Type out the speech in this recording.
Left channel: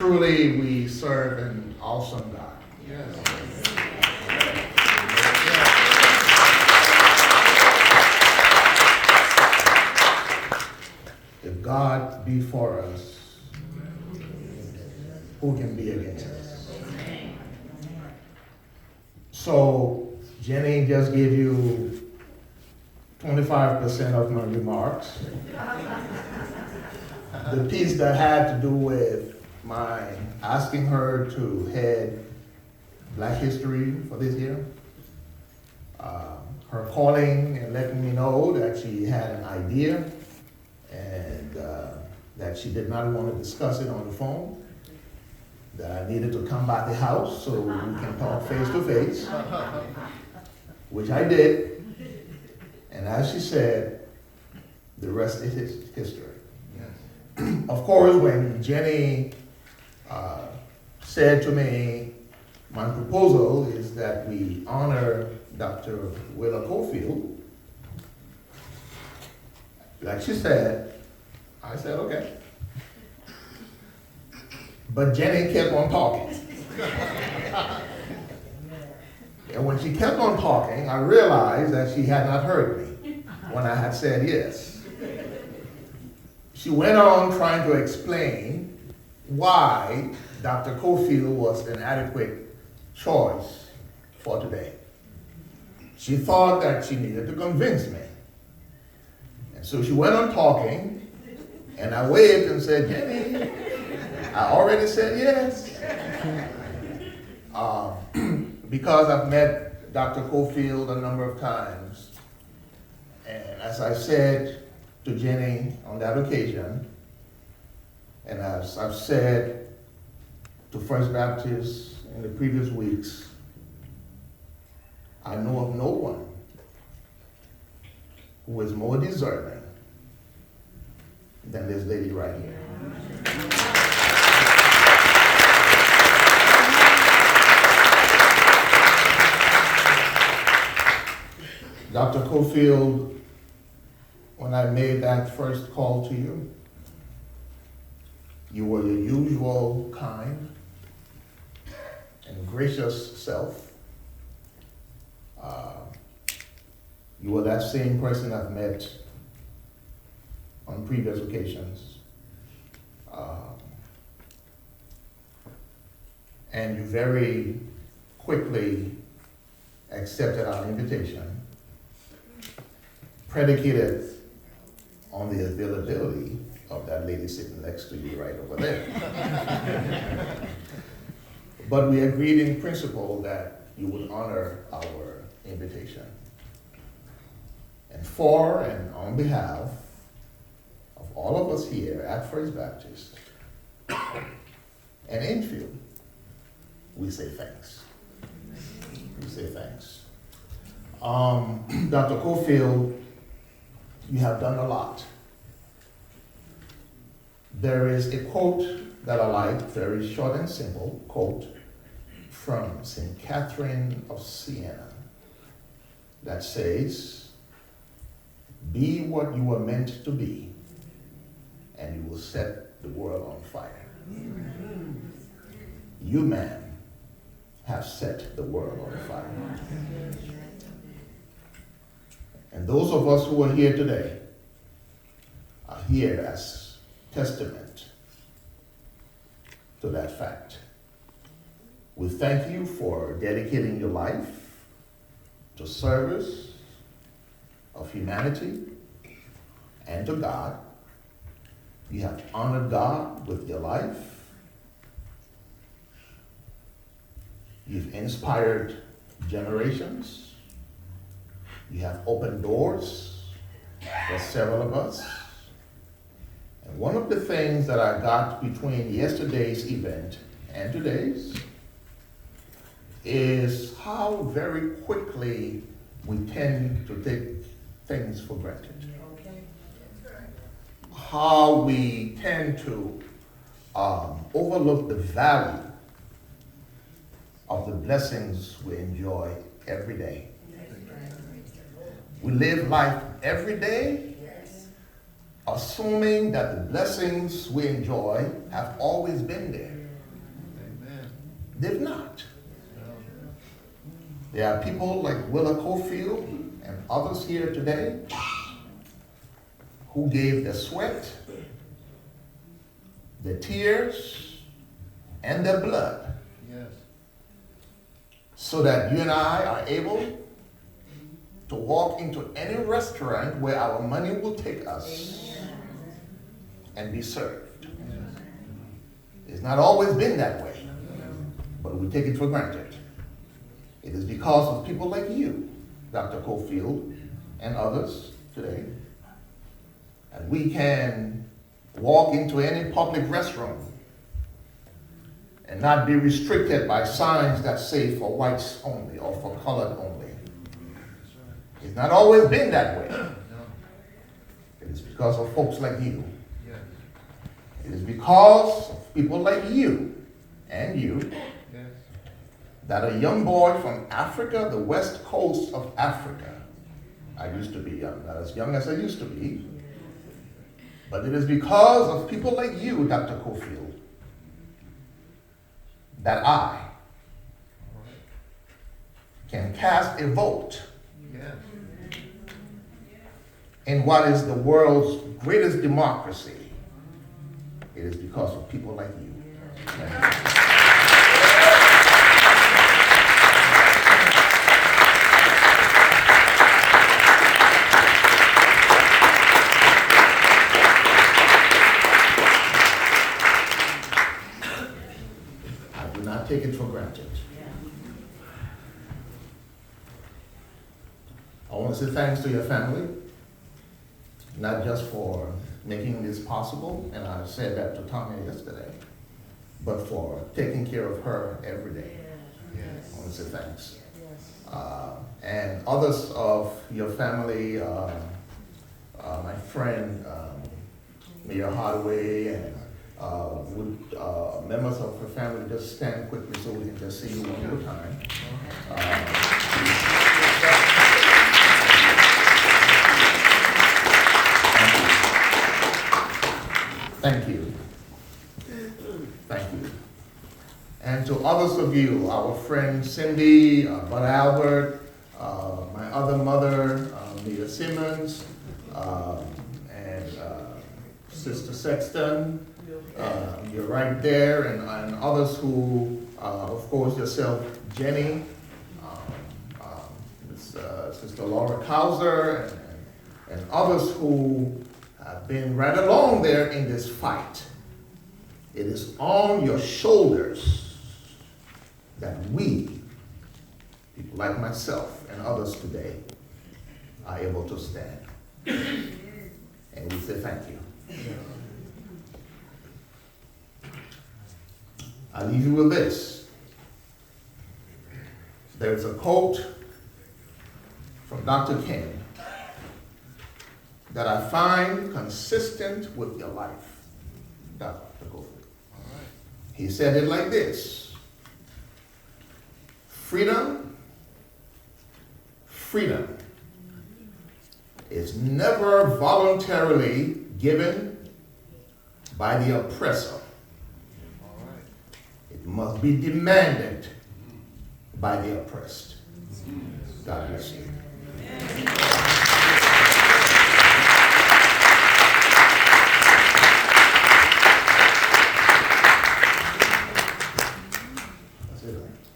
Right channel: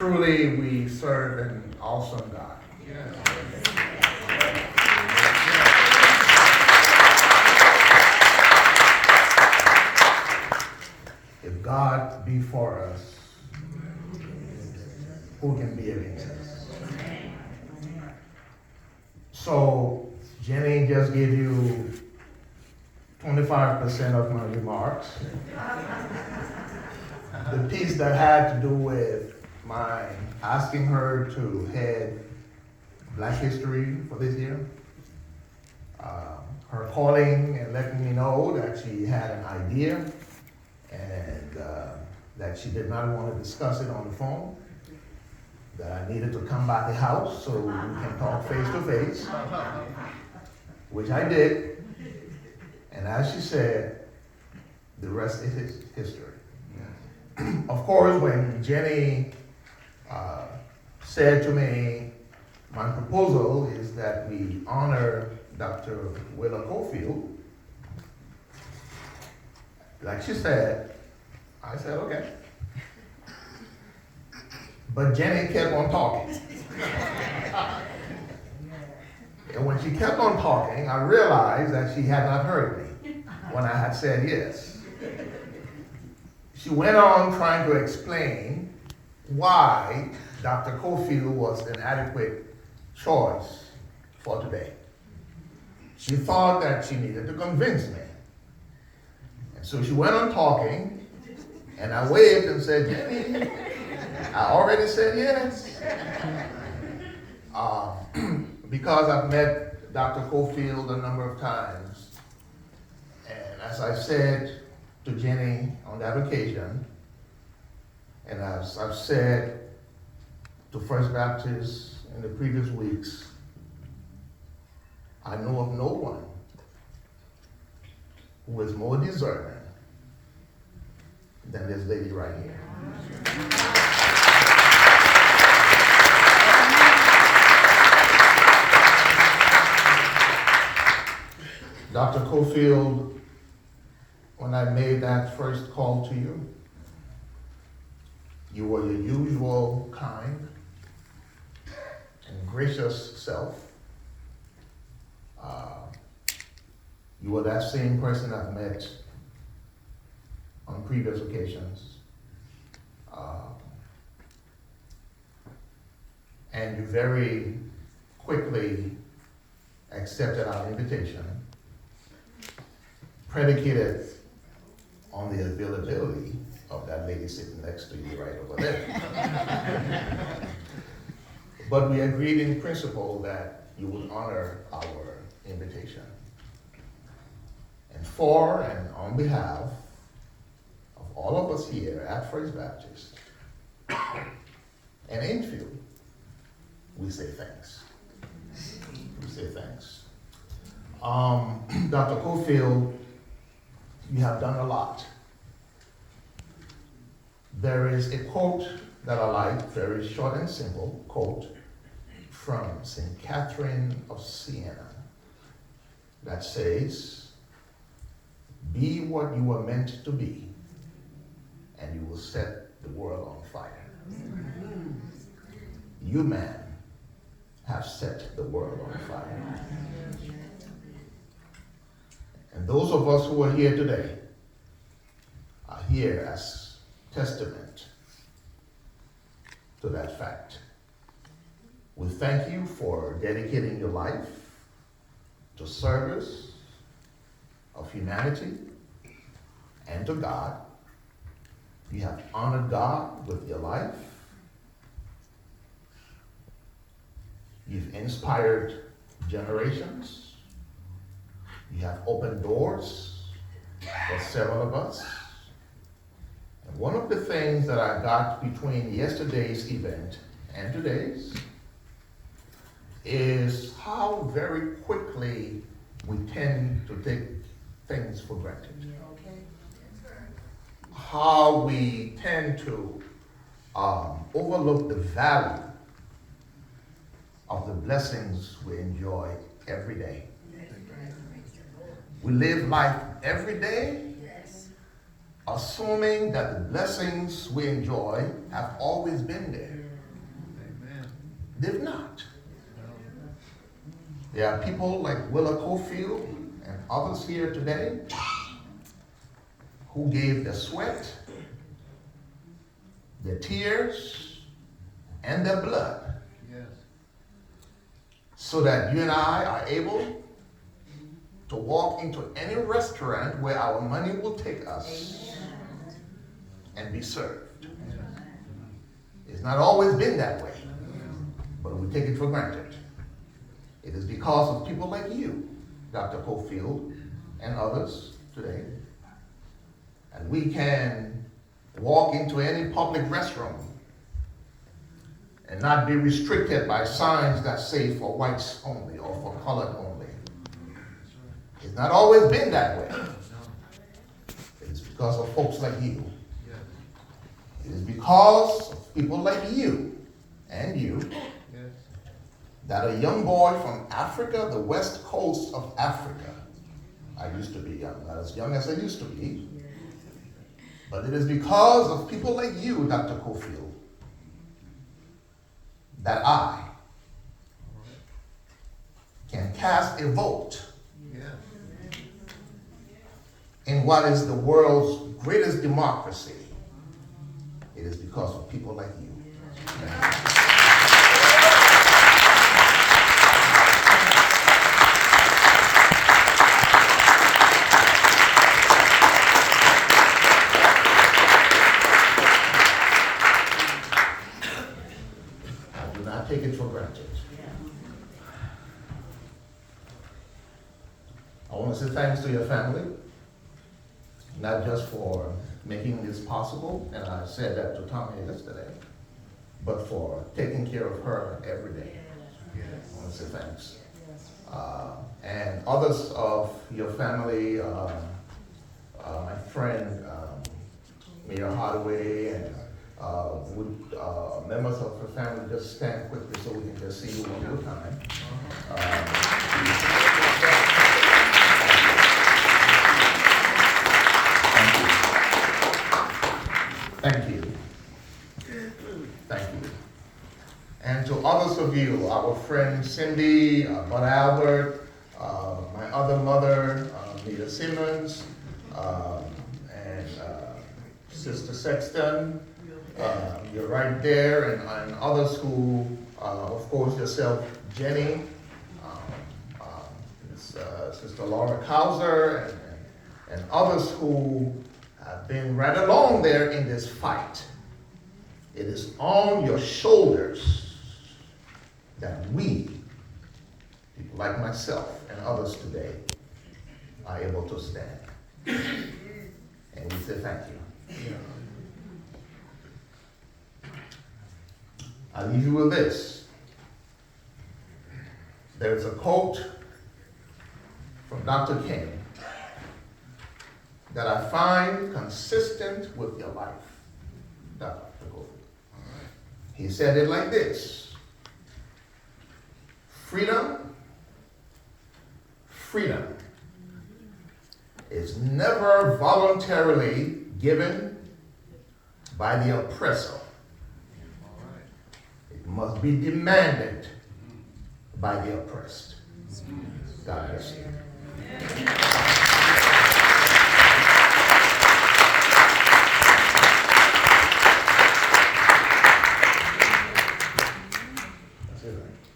Truly, we serve an awesome God. If God be for us, who can be against us? So, Jenny just gave you 25% of my remarks. The piece that had to do with my asking her to head Black History for this year, her calling and letting me know that she had an idea and that she did not want to discuss it on the phone, that I needed to come by the house so we can talk face to face, which I did. And as she said, the rest is history. Of course, when Jenny said to me, my proposal is that we honor Dr. Willa Cofield, like she said, I said, okay. But Jenny kept on talking. And when she kept on talking, I realized that she had not heard me when I had said yes. She went on trying to explain why Dr. Cofield was an adequate choice for today. She thought that she needed to convince me. And so she went on talking, and I waved and said, Jenny, I already said yes. Because I've met Dr. Cofield a number of times, and as I said to Jenny on that occasion, and as I've said to First Baptist in the previous weeks, I know of no one who is more deserving than this lady right here. Dr. Cofield, when I made that first call to you, you were your usual kind and gracious self. You were that same person I've met on previous occasions. And you very quickly accepted our invitation, predicated on the availability of that lady sitting next to you right over there. But we agreed in principle that you would honor our invitation. And for and on behalf of all of us here at First Baptist and Enfield, we say thanks. We say thanks. Dr. Cofield, you have done a lot. There is a quote that I like, very short and simple quote from St. Catherine of Siena that says, "Be what you were meant to be, and you will set the world on fire." You, man, have set the world on fire. And those of us who are here today are here as testament to that fact. We thank you for dedicating your life to service of humanity and to God. You have honored God with your life. You've inspired generations. You have opened doors for several of us. And one of the things that I got between yesterday's event and today's is how very quickly we tend to take things for granted. How we tend to overlook the value of the blessings we enjoy every day. We live life every day assuming that the blessings we enjoy have always been there. There are people like Willa Cofield and others here today who gave the sweat, the tears, and the blood so that you and I are able to walk into any restaurant where our money will take us and be served. It's not always been that way, but we take it for granted. It is because of people like you, Dr. Cofield, and others today, and we can walk into any public restroom and not be restricted by signs that say for whites only or for colored only. It's not always been that way. It is because of folks like you. It is because of people like you and you that a young boy from Africa, the west coast of Africa, I used to be young, not as young as I used to be, but it is because of people like you, Dr. Cofield, that I can cast a vote in what is the world's greatest democracy. It is because of people like you. I do not take it for granted. I want to say thanks to your family, not just for making this possible, and I said that to Tommy yesterday, but for taking care of her every day. I want to say thanks. And others of your family, my friend Mayor Hardaway, and members of her family, just stand quickly so we can just see you one more time. Thank you. Thank you. And to others of you, our friend Cindy, Brother Albert, my other mother, Leah Simmons, and Sister Sexton, you're right there, and others who, of course, yourself, Jenny, Sister Laura Kauser, and others who have been right along there in this fight. It is on your shoulders that we, people like myself and others today, are able to stand. And we say thank you. I leave you with this. There is a quote from Dr. King that I find consistent with your life, Dr. Gold. He said it like this: freedom is never voluntarily given by the oppressor. It must be demanded by the oppressed. God bless you. That's it, right?